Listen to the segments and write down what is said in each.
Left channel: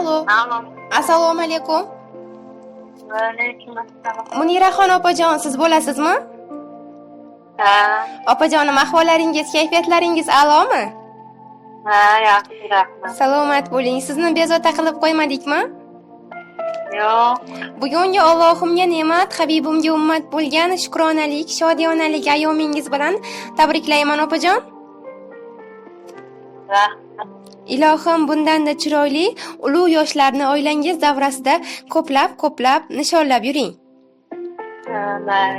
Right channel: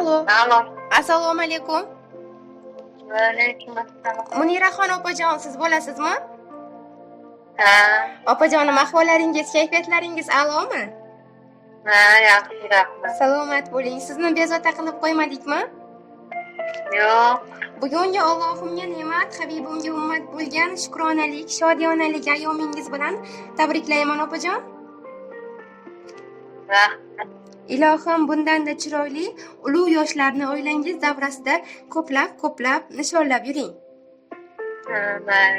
Alo. Alo. Assalomu alaykum. Va alaykum assalom. Muniraxon opajon, siz bo'lasizmi? Ha, Opajonim, ahvollaringiz, kayfiyatlaringiz a'lomi? ha, yaxshi, rahmat. Salomat bo'ling. Sizni bezovta qilib qo'ymadikmi? Yo'q, Bugungi Allohimga ne'mat, Habibimga ummat bo'lgan shukronalik, shodiyonalik ayyomingiz bilan tabriklayman opajon. rahmat. Ilohim bundanda chiroyli, ulug' yoshlarni oilangiz davrasida ko'plab nishonlab yuring. Ha,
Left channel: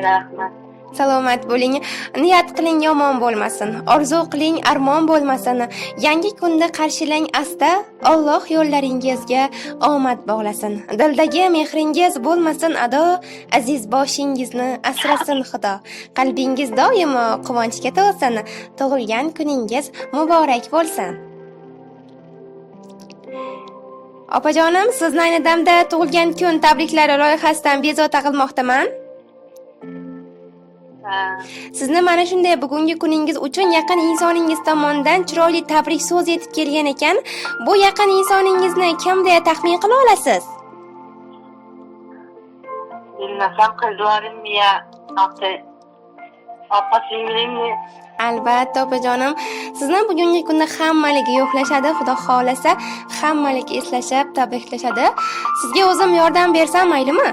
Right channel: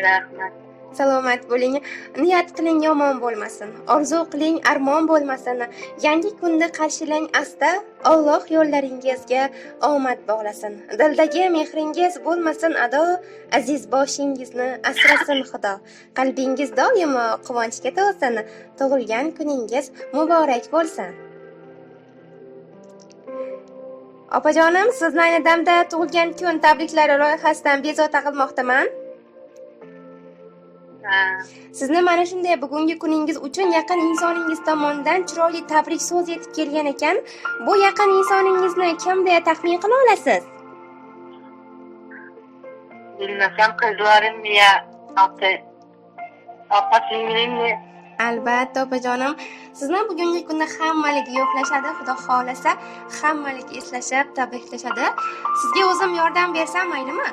rahmat. Salomat bo'ling. Niyat qiling yomon bo'lmasin. Orzu qiling armon bo'lmasin. Yangi kunda qarshilang asta. Alloh yo'llaringizga omad bog'lasin. Dildagi mehringiz bo'lmasin ado. Aziz boshingizni asrasin Xudo. Qalbingiz doimo quvonchga to'lsin. Tug'ilgan kuningiz muborak bo'lsin. Opajonim, sizni ayni damda tug'ilgan kun tabriklari loyihasidan bezovta qilmoqdaman. Ha, Sizni mana shunday bugungi kuningiz uchun yaqin insoningiz tomonidan chiroyli tabrik so'z yetib kelgan ekan. Bu yaqin insoningizni kim deya taxmin qila olasiz? bilmasam qizlarimmi ya, opa-singlimmi? Albatta opajonim, sizni bugungi kunda hammaligi yo'qlashadi, Xudo xolasa hammaligi eslashib, tabriklashadi. Sizga o'zim yordam bersam maylimi?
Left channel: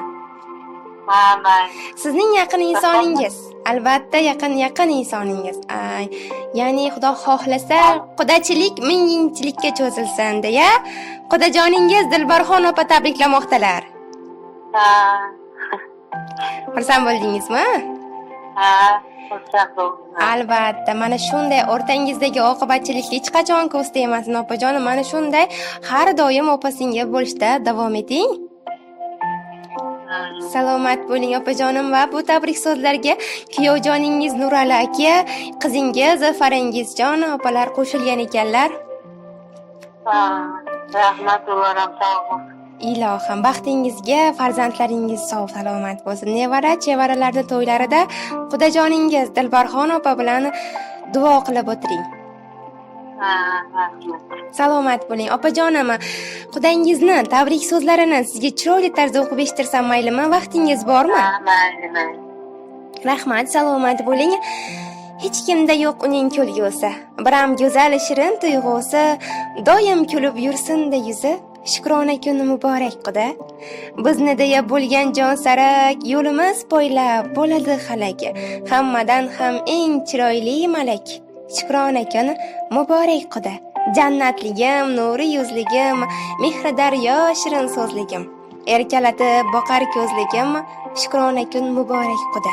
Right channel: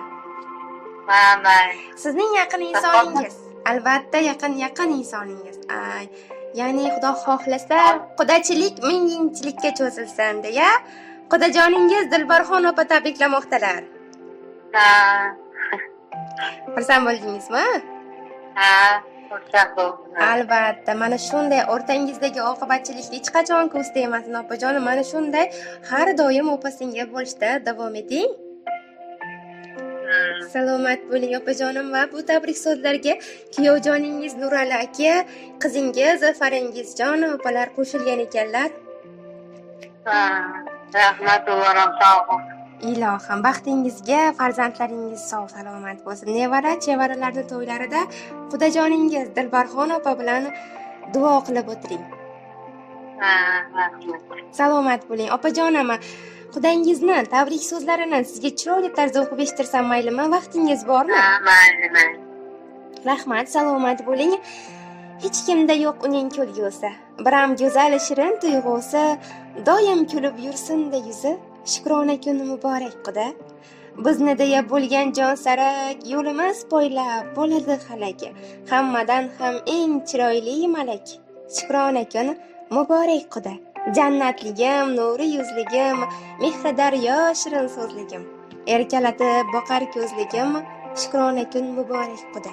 Ha, mayli. Sizning yaqin insoningiz, albatta yaqin insoningiz. Ya'ni Xudo xohlasa qudachilik mingchilikka cho'zilsin deya qudajoningiz Dilbarxon opa tabriklamoqdalar. Ha, Xursand bo'ldingizmi? ha, xursand bo'ldim. Albatta, mana shunday o'rtangizdagi oqibatchilikni hech qachon ko'z tegmasin opajonim. Mana shunday har doim opa-singil bo'lishda davom eting. Salomat bo'ling opajonim va bu tabrik so'zlarga kuyovjoningiz Nurali aka, qizingiz Farangizjon opalar qo'shilgan ekanlar. Ha, rahmat, ularım sog' bo'lsin. Ilohim baxtingizga farzandlaringiz sog' salomat bo'lsin. Nevara chevaralarda to'ylarida qudajoningiz Dilbarxon opa bilan duo qilib o'tiring. Ha, rahmat. Salomat bo'ling opajonim. Qudangizni tabrik so'zlarini sizga chiroyli tarzda o'qib eshitirsam maylimi? Vaqtingiz bormi? Ha, mayli. Rahmat, salomat bo'ling. Hech kimda yo'q uning kulgusi. Biram go'zal shirin tuyg'usi, doim kulib yursin-da yuzi. Shukrona kun muborak Xudo. Bizni deya bo'lgan jon sarak, yo'limiz poylab bo'ladi halak. Hammadan ham eng chiroyli malak. Shukrona kun muborak Xudo. Jannatligim, nuri yuzligim, mehri daryo shirin so'zligim. Erkalatib boqar ko'zligim, shukrona kun muborak Xudo.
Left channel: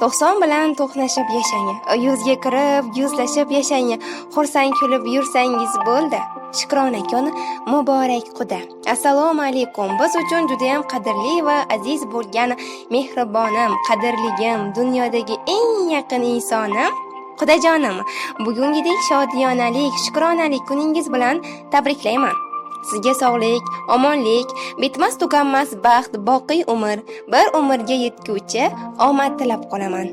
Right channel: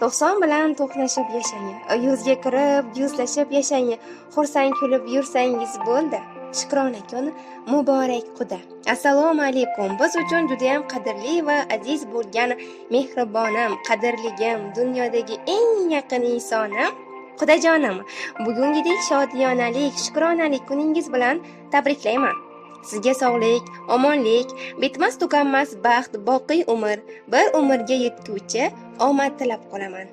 90 bilan to'qnashib yashang, yuzga kirib yuzlashib yashang, xursand kulib yursangiz bo'ldi. Shukrona kun muborak Xudo. Assalomu alaykum. Biz uchun juda ham qadrli va aziz bo'lgan mehribonim, qadrligim, dunyodagi eng yaqin insonim Xudojonim, bugungidek shodiyonalik, shukronalik kuningiz bilan tabriklayman. Sizga sog'lik, omonlik, bitmas tuganmas baxt, boqiy umr, bir umrga yetguvchi omad tilab qolaman.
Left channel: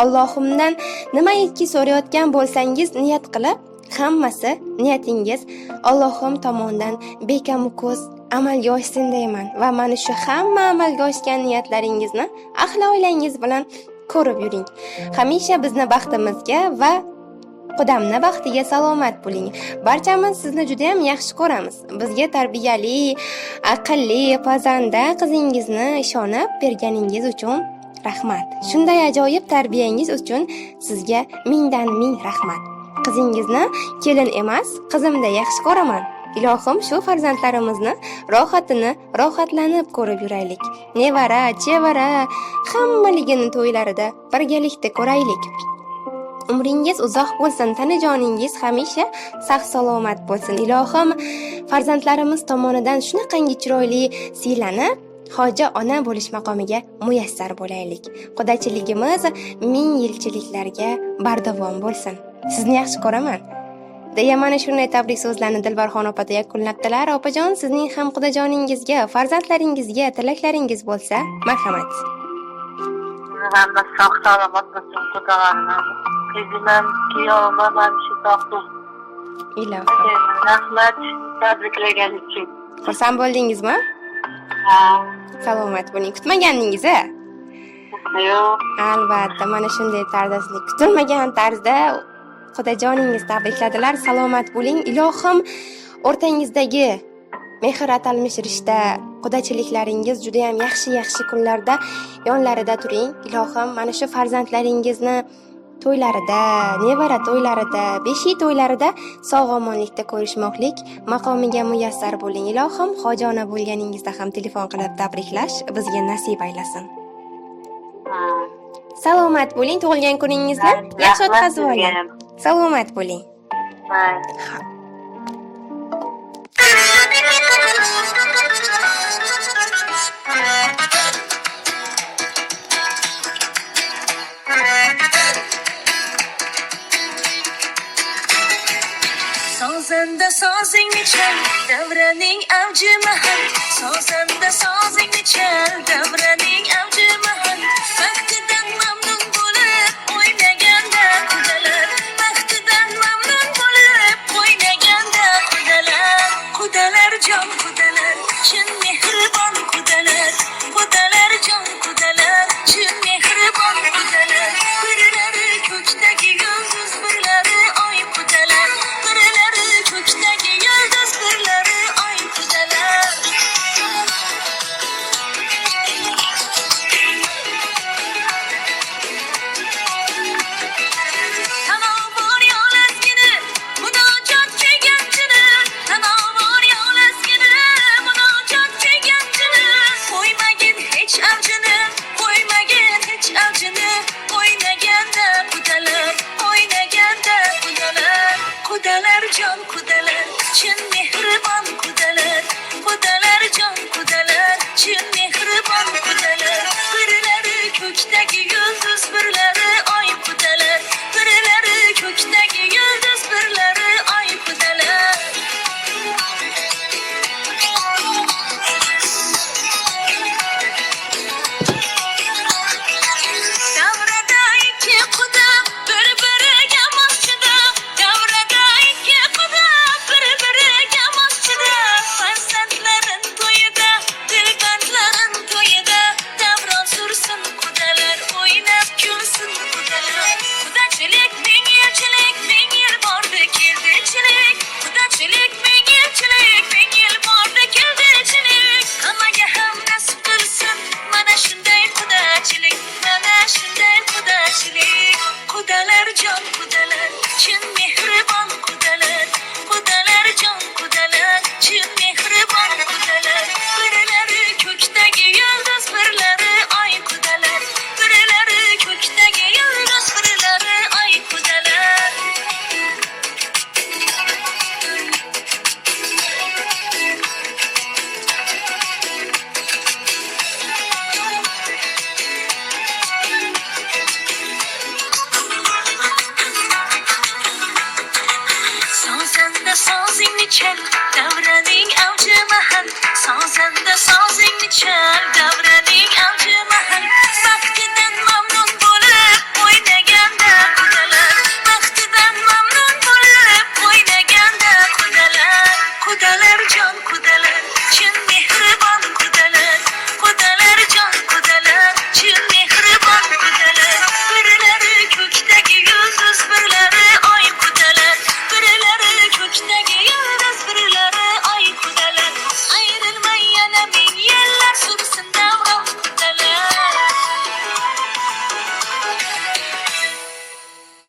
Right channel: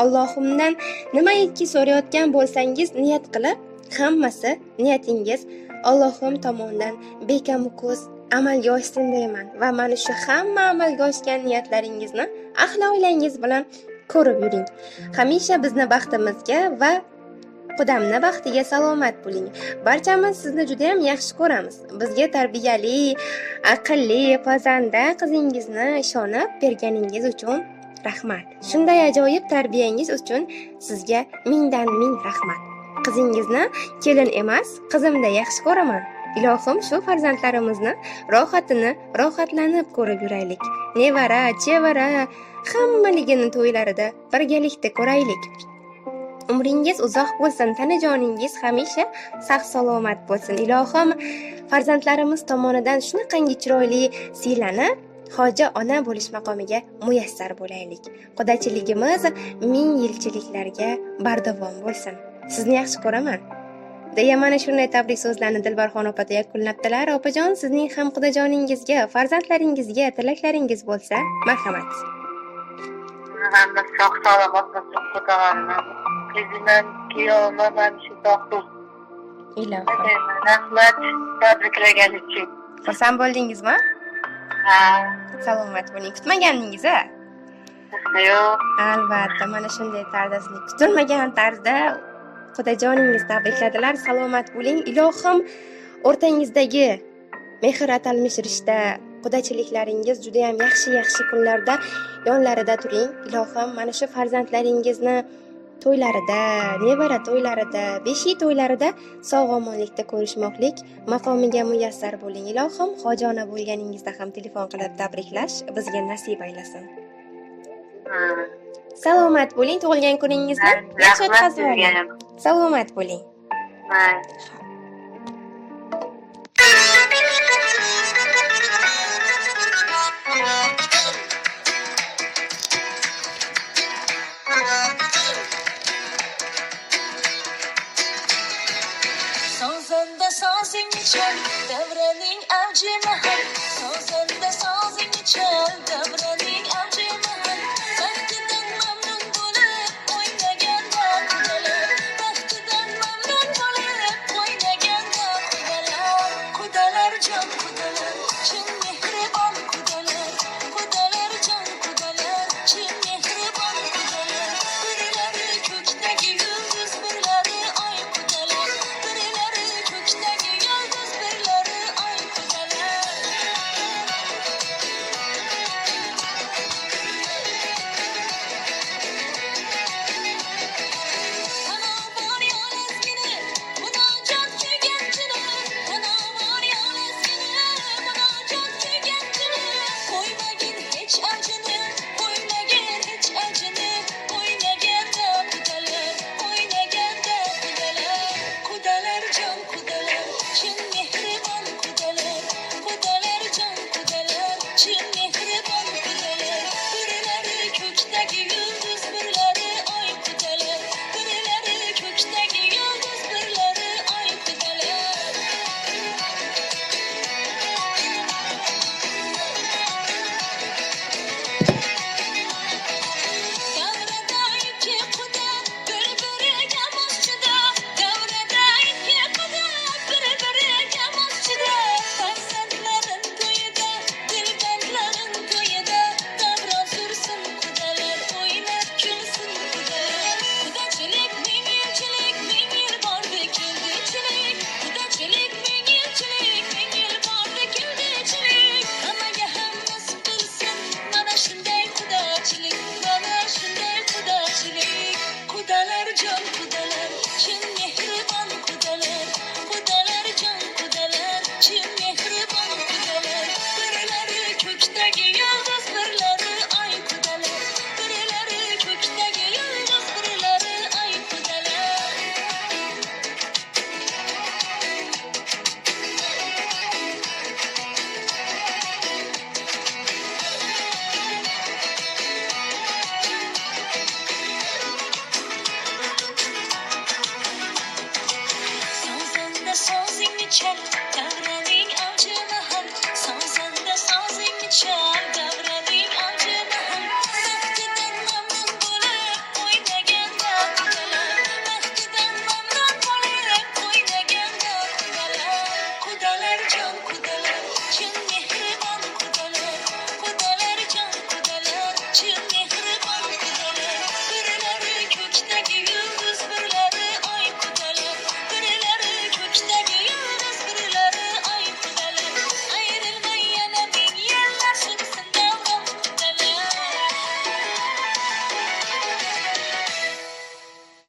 Allohimdan nimaiki so'rayotgan bo'lsangiz niyat qilib, hammasi niyatingiz Allohim tomonidan bekam ko'z amalga oshsin deyman va mana shu hamma amalga oshgan niyatlaringizni ahli oilangiz bilan ko'rib yuring. Hamisha bizni baxtimizga va qudamni baxtiga salomat bo'ling. Barchamiz sizni juda ham yaxshi ko'ramiz. Bizga tarbiyali, aqlli, pazanda qizingizni ishonib berganingiz uchun rahmat. Shunday ajoyib tarbiyangiz uchun sizga mingdan ming rahmat. Qizingizni kelin emas, qizimda yaxshi ko'raman. Ilohim shu farzandlarimizni rohatlanib ko'rib yuraylik. Nevara, chevara, hammaligini to'ylarida birgalikda ko'raylik. Umringiz uzoq bo'lsin, tanajoningiz hamisha sog' salomat bo'lsin. Ilohim farzandlarimiz tomonidan shunaqangi chiroyli siylanib, hoji ona bo'lish maqomiga muyassar bo'laylik. Qudachiligimiz ming yilchiliklarga bardavom bo'lsin. Sizni yaxshi ko'raman. Deya mana shunday tabrik so'zlarni Dilbarxon opa yakunlabdilar. Opajon, sizning ham qudajoningizga, farzandlaringizga tilaklaringiz bo'lsa, marhamat. Hamma sog' salomat bo'lsin, xudolarni. Qizimam, kuyovim ham shu sog' bo'lsin. Ilohim. Rahmat tabriklagan uchun. Xursand bo'ldingizmi? Ha. Salomat bo'ling. Kutmagandingiz-a? Yo'q. Albatta, mana shunday tarzda sizni kutilmagan tarzda xudojoningiz tabrikladilar. Salomat bo'ling. Ilohim o'rtangizdagi mehr atalmish rishta, qudachiliklaringiz juda ham yaxshi kunlarda yonlarida turing. Ilohim mana shu farzandlaringizni to'ylarida, nevara to'ylarida, beshi to'ylarida sog'-omonlikda ko'rishmoqlik maqomiga muyassar bo'ling. Ilohim hojona bo'lganingizda ham telefon qilib tabriklash bizga nasib aylasin. Salomat bo'ling, tug'ilgan kuningizni yaxshi o'tkazib oling. Salomat bo'ling. Sozanda sozingni chal, davraning avji mahal. Sozanda sozingni chal, davraning avji mahal. Vaqtidan mamnun bo'lib o'ynaganda qudalar, vaqtidan mamnun bo'lib o'ynaganda qudalar, qudalar jon qudalar, chin mehribon qudalar, qudalar jon qudalar, chin mehribon